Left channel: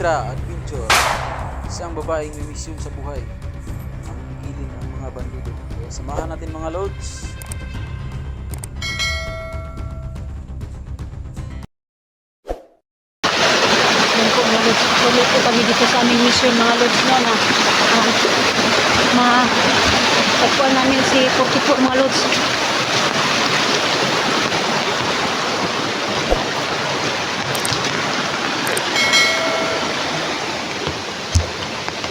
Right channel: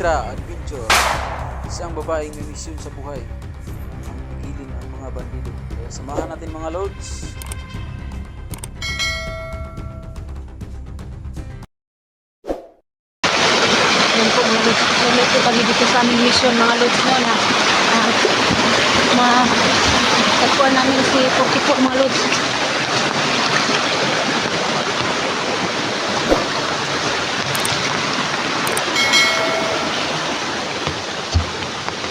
Electra Adventure. Isang babaeng may misyon sa buhay ang pigilin ang mga bandido. Kaya samahan natin mga lods. Yan po mga lods. Tuloy po kami dito sa aming mission mga lods no na tagpuan namin si 44 mga lods.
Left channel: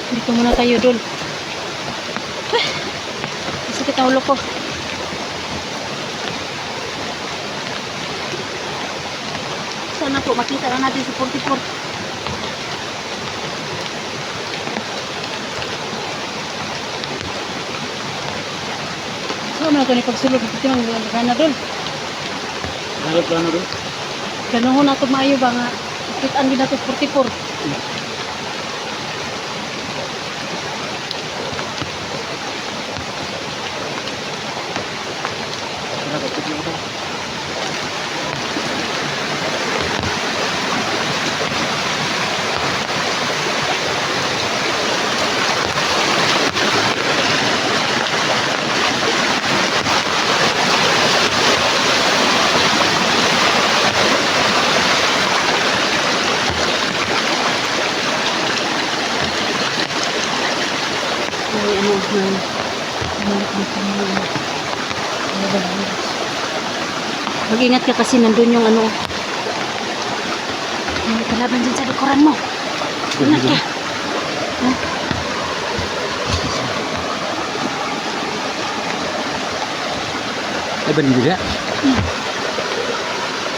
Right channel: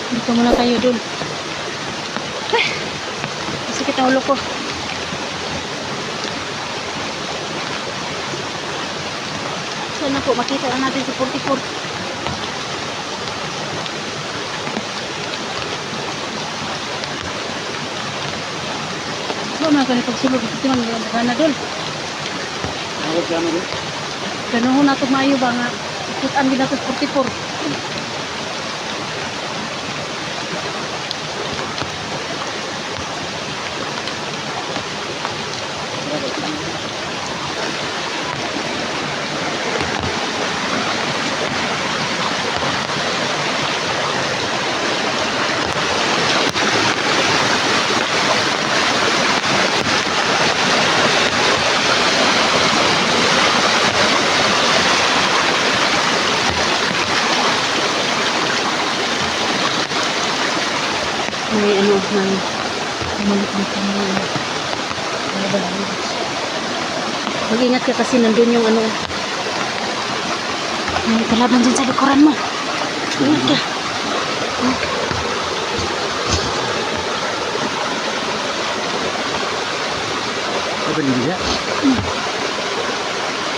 Dito muna tayo dul. Sakit ang ulo ko. Sana po makita lang natin si 44. So, mga pagsulog ito ng ganadol. Ano plano doon? Ganoon na ito maayo ba nga ikitaan din natin 44. May may malik na kami. Mag-ingat ka kasi nandun yung may kalaban dyan sa likuran mo. Ingat ka. Ay, bandido ya?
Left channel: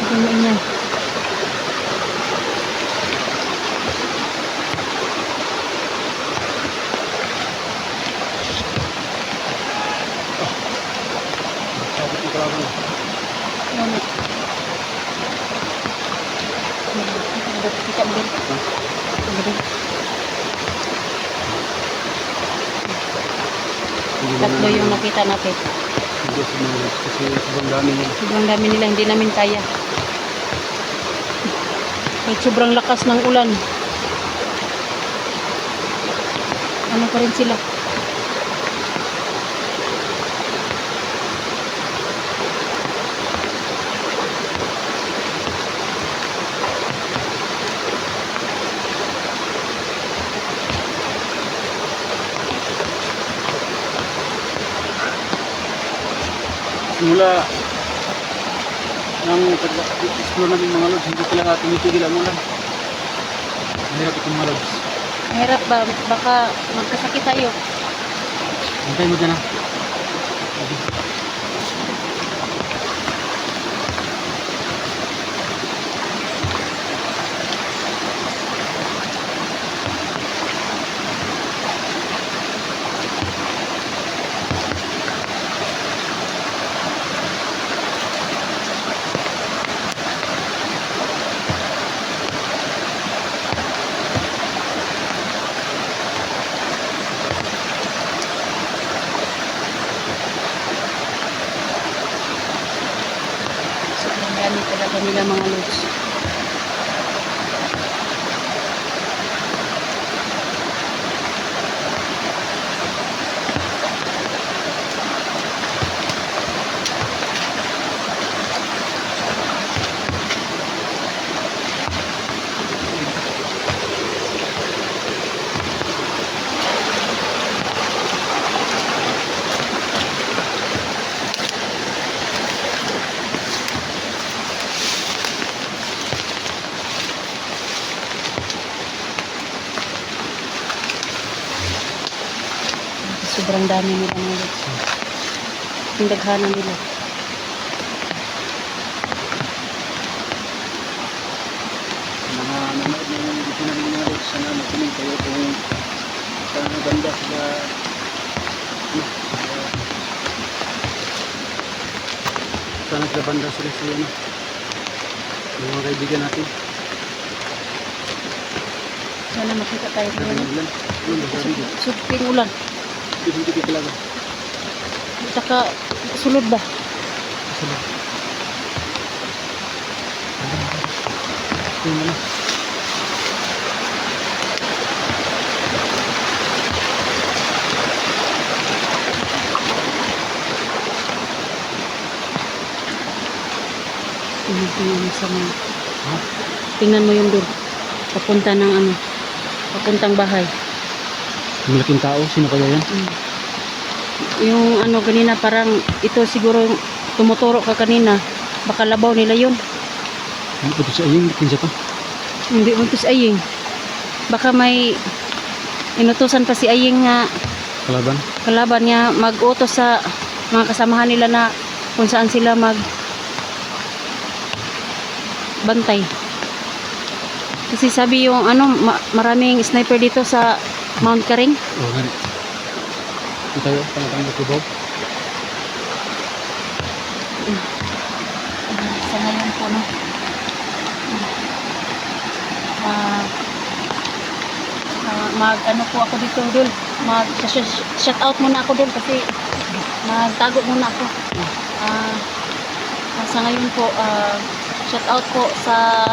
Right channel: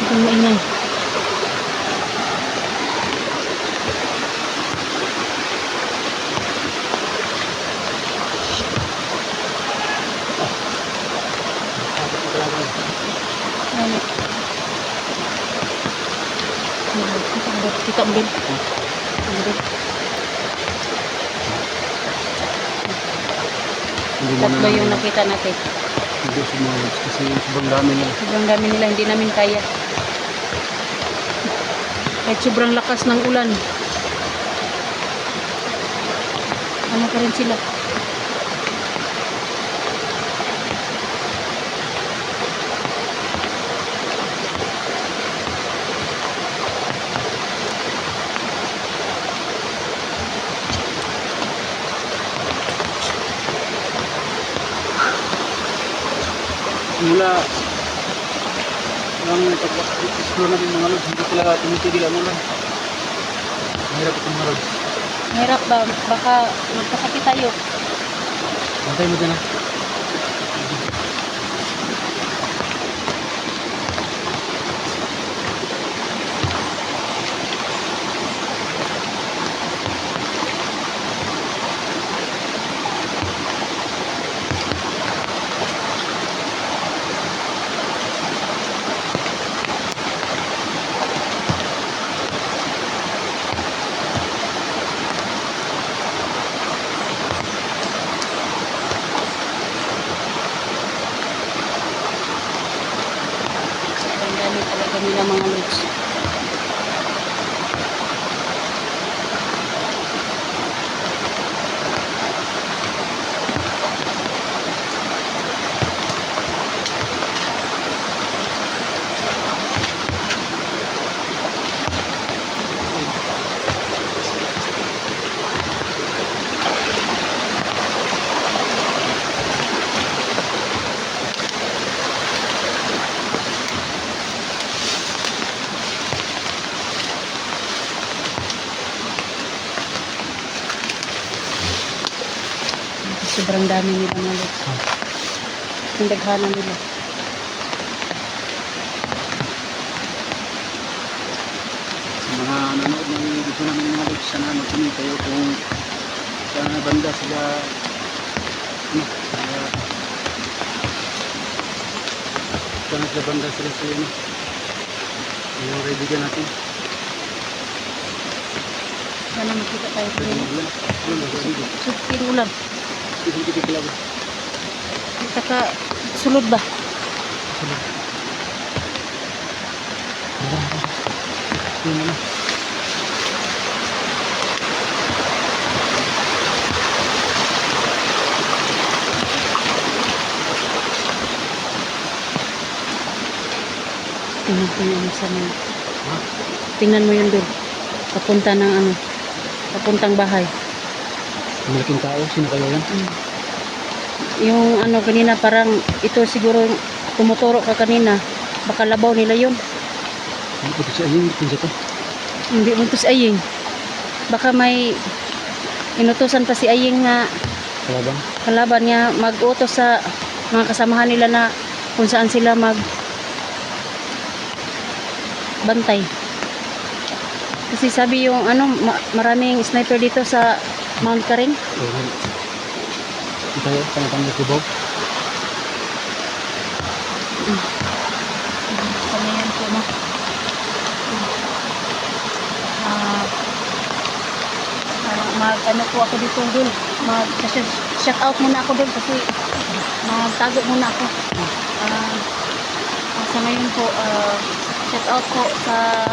Ito maingay. Ano? Kita din. Tatlo yung nakita natin. Hindi sumunod kasi sobrang dami nila. Sobrang dami nila, hindi namin kaya. Kahit sobrang lakas ng ulan. Ano pa rin sila? Mula ng pag-explore natin mga lods, hindi talaga tumitigil ang ulan. Mahirap itong mga lods. Mahirap ba? Baka magkasakit tayo. Antay mo dyan ha. Ang dami talaga nila mga lods. Sobrang dami nila mga lods. Yung daghanan nila. Mga nanonood ng video namin mga lods, sana mag-comment kayo kung saan na banda sila saan sila banda sila yung mga kaibigan natin. Sana makita tayo dito. Ulan. Suping ulan. Hindi ko talaga. Taka sulod ba? Yung ano? Yung sa may, Ha? tingnan mo yun doon. Papunta ng ano, papuntang bahay. Malaking tao. Sino kaya yan? Mm. Yung ano kanina parang ito siguro yung tumuturo ka kanina. Baka labaw nila yun. Ano po ito sa aying? Kinsa to? Hindi mo to si Aying. Baka may inutusan pa si Aying nga Kalaban? kalaban niya mag-utos sa mga kasamahan nila na kung saan sila mag bantay. Kasi sabi yung ano maraming sniper dito sa Mount Karing. Oo nga. Ito tayo. Tanga-tanga ko Bob. Sa ngayon po no. Mag ano po ako dito dul. Mag shout out muna ako dul kasi magtago muna ako. Sa ngayon po shout out po sa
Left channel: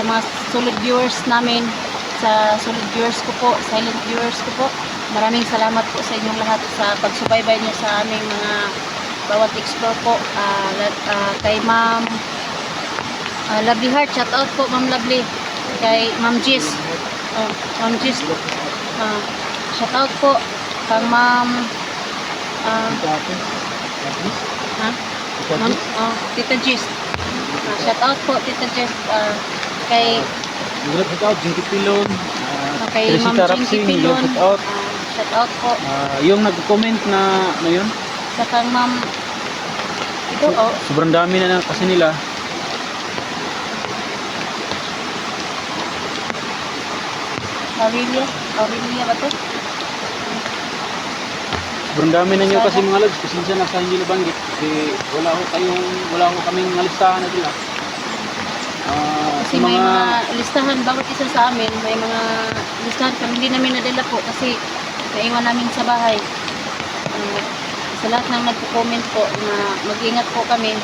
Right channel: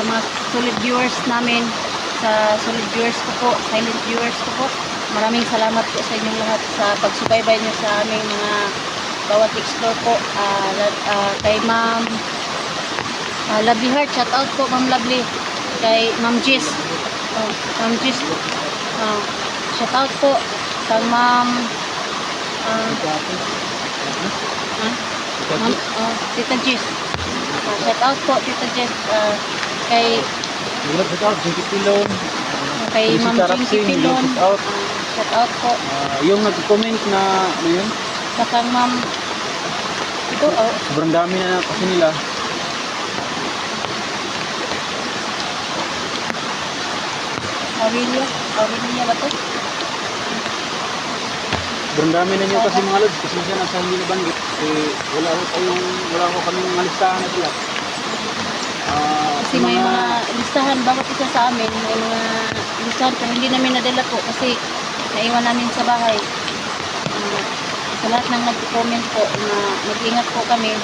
mga solid viewers namin, sa solid viewers ko po, silent viewers ko po. Maraming salamat po sa inyong lahat sa pagsubaybay niyo sa aming mga bawat explore po. Kay Ma'am Lovely Heart, shout out po Ma'am Lovely. Kay Ma'am Jis, Ma'am Jis, shout out po kang Ma'am Ma'am Tita Jis. Shout out po Tita Jis. Kay Hirap sa tao. Jinky Pilon. kay Ma'am Jinky Pilon. Shout out po. Yung nag-comment na ano yun? Sa kang Ma'am ito Sobrang dami na kasi nila. Aurelia ba to? Sobrang dami na nyo kasi mga lods. Kasi siya nasa hindi nabanggit. Kasi wala ko kaming mga listahan na sila. Kasi may mga listahan, bawat isa sa amin, may mga listahan pero hindi namin nadala po kasi naiwan namin sa bahay. Sa lahat ng nagko-comment po na mag-ingat po kami,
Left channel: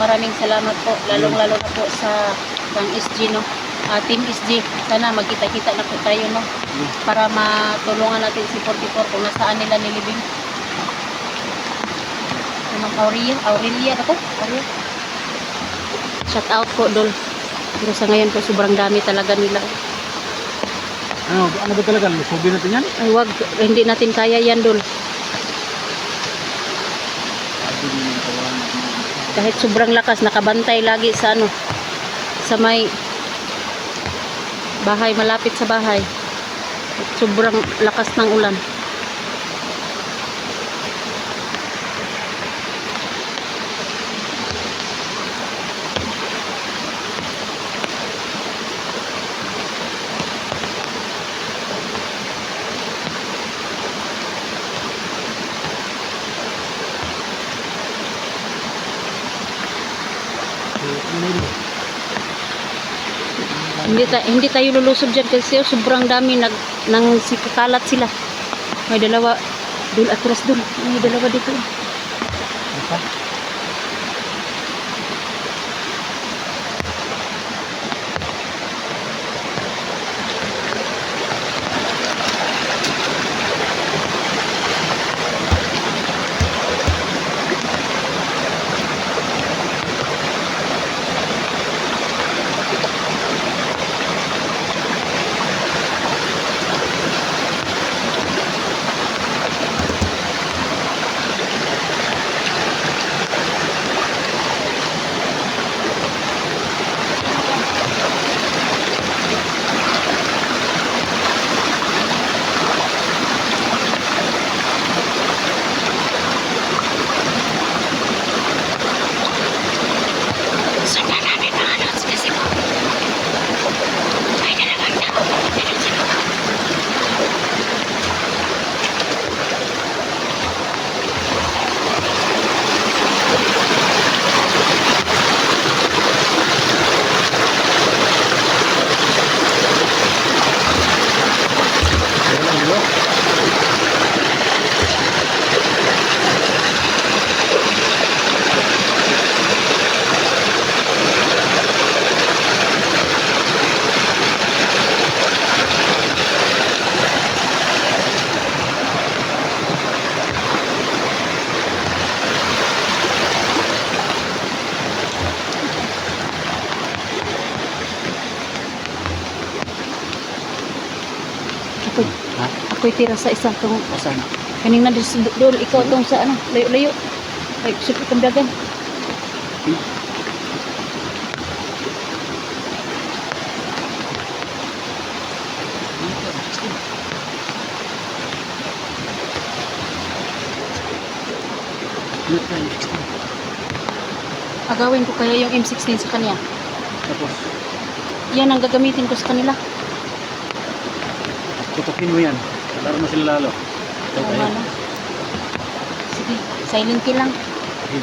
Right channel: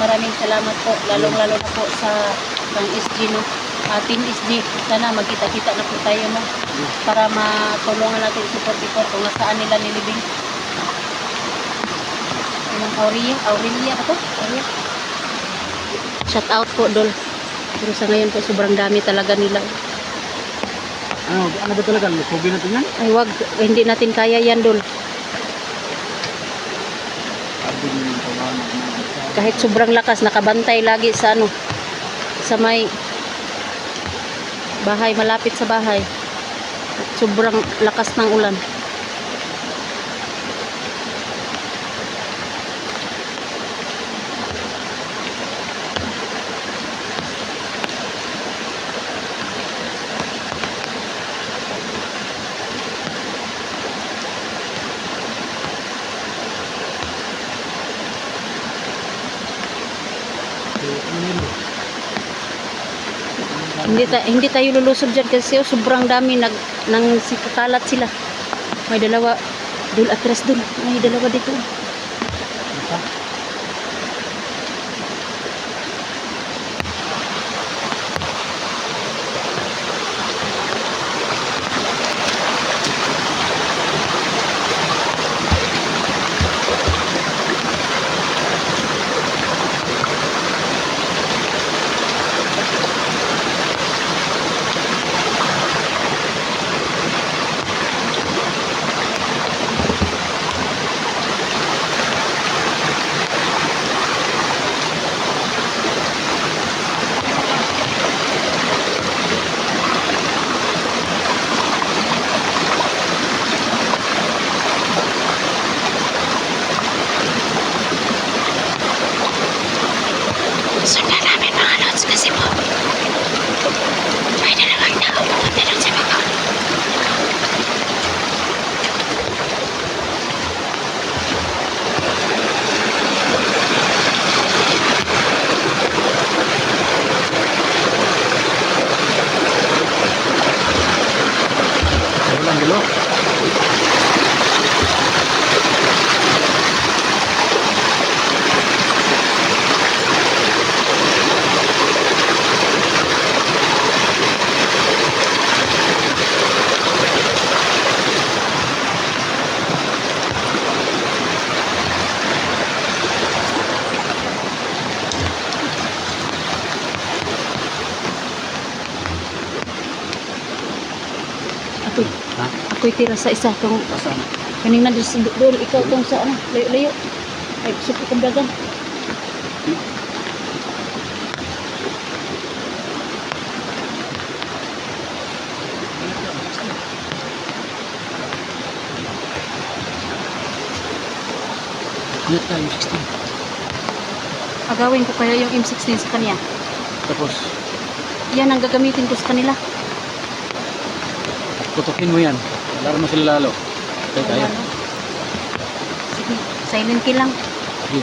maraming salamat po, lalong-lalo na po sa kang SG, no? Team SG, sana magkita-kita na po tayo, no? Para matulungan natin si 44 kung nasaan nila nilibing. Aurelia ba to? Aurelia? Shout out po, Dol. Pero sa ngayon po, sobrang dami talaga nila. Ano ba talaga? Lukubi natin yan? Ay, wag. Hindi natin kaya yan, Dol. Kahit sobrang lakas, nakabantay lagi sa ano, sa may bahay, malapit sa bahay. Sobrang lakas ng ulan. Hindi tayo lulusog diyan kasi sobrang dami nang sikakalat sila. May dalawa dul atras dul. May dalawa dito. Apa? Ako'y, Ha? ako'y tira sa isa tong Pasan. kanina doon ikaw tong sa ano, layo-layo. Ay, super kong dagan. Ano tayo, 16. Agawin ko kaya yung M16 sa kanya. Tapos, Yan ang gagamitin ko sa kanila. tutukin mo yan. Laro mo sila lalo. Ito Oo tayo. nga, no? Sige, silent kill lang. Sige.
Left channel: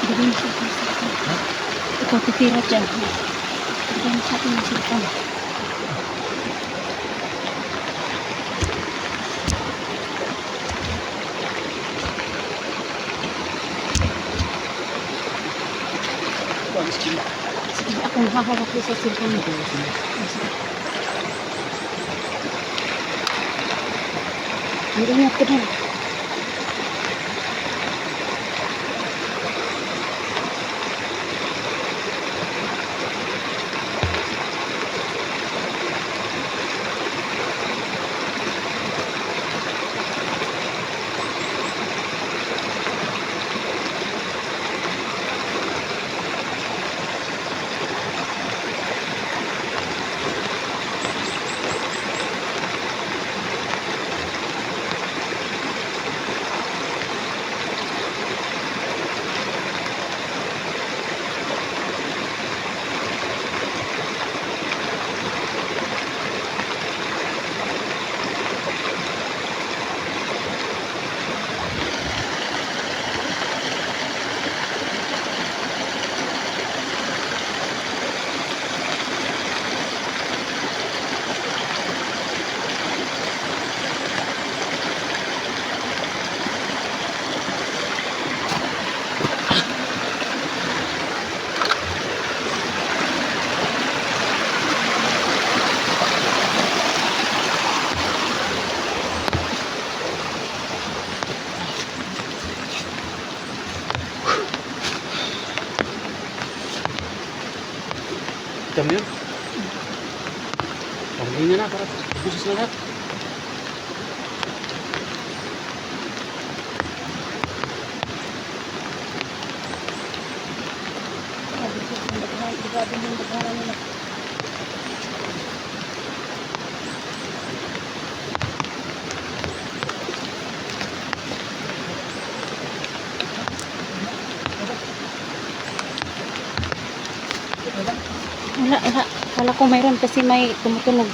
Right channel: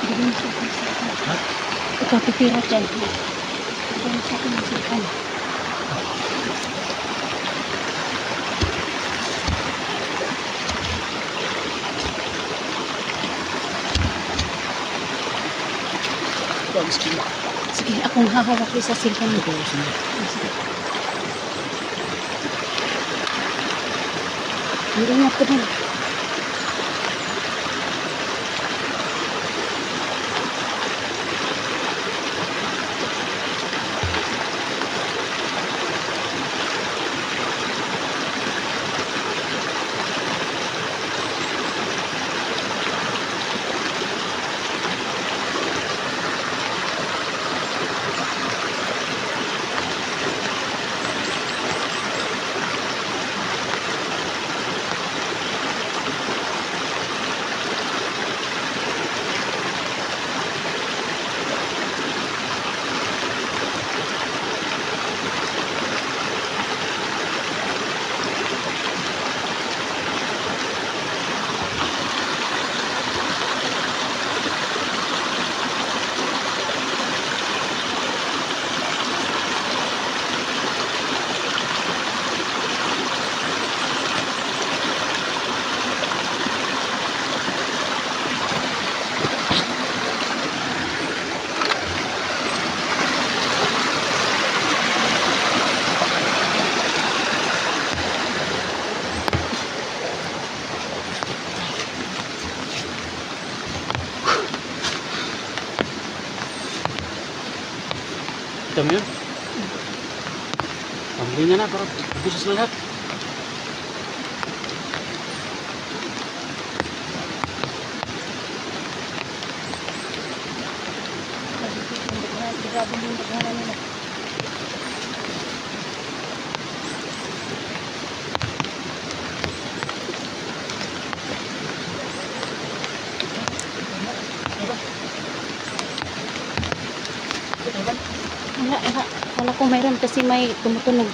Bigyan sa akin sa akin. Ikaw titira dyan. Bigyan sa akin sa akin. Sige, akong hahawak ko sa cellphone mo. Ingat ka din. Kita mo yun? Panglingan na para ubus sa lahat. Grabe yung daghanan nila. Wala. Kala ko mayroon kasi may tumutunog.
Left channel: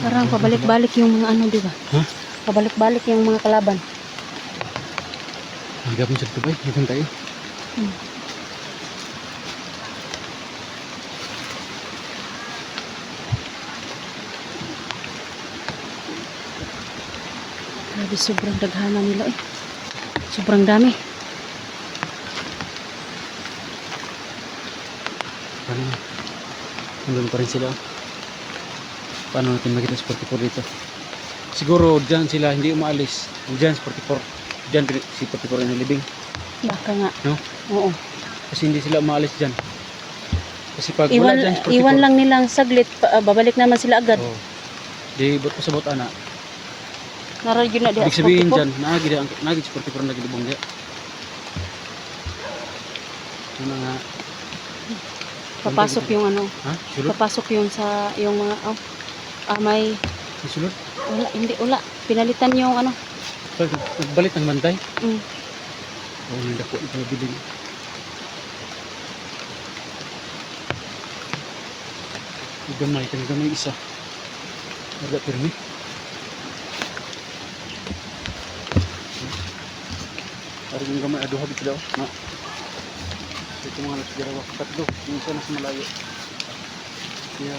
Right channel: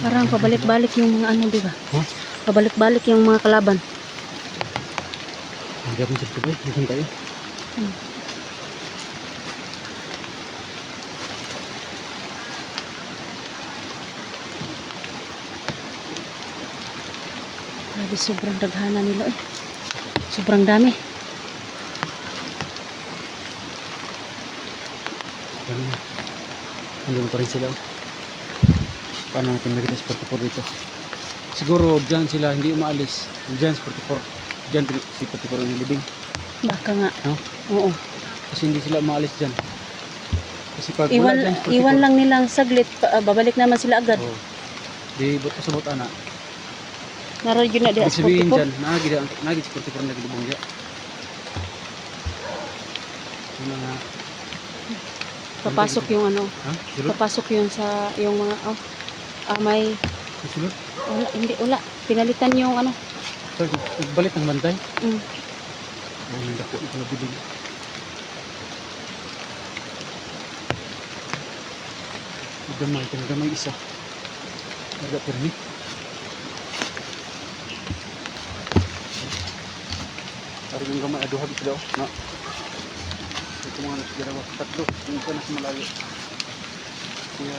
Parang pabalik-balik yung mga ano, di ba? Huh? Pabalik-balik yung mga kalaban. Hanggang mo sa tubay, hanggang tayo. Grabe, sobrang daghanan nila eh. Sobrang dami. Paano na? Nandun pa rin sila. Paano natin makita sa 44 dito? Siguro dyan sila hindi umaalis. Dyan sa 44. Dyan si 44 ang nilibing. Baka nga. Ha? Oo. Kasi hindi sila umaalis dyan. Kasi pag Iwan, wala dyan, iwan lang nilang saglit, babalik naman sila agad. Oh. Di bot sa bot ana. Naroon yun na di Ibig sabihin 44. dyan, nagid sa 44 lagi lubong dia. Ano nga? Papasok yung ano, Ha? Sulod? papasok yung sa, yung mga, may, Sulod? wala, hindi, wala. Pinalitan yung ano, Pag nagbalit ng bantay, mm, ay yung dako ito mabiling. Gamay isa. Wala pirmi. Parang yung gamay, aduha bito daw. Na. Ito naman at dalawa. Tatlo. Yung isa mas malayo. Kaya,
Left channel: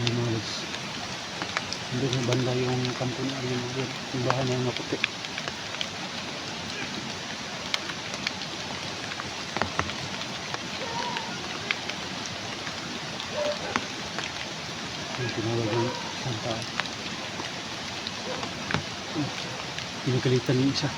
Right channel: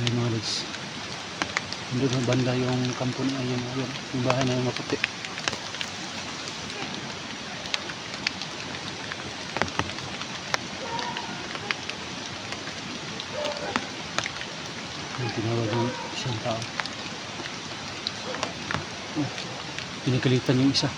may knowledge. Hindi na banda yung kampo na yung bahay na yung maputi. Yung tinawag yung isang tao. Pinagalitan yung isa.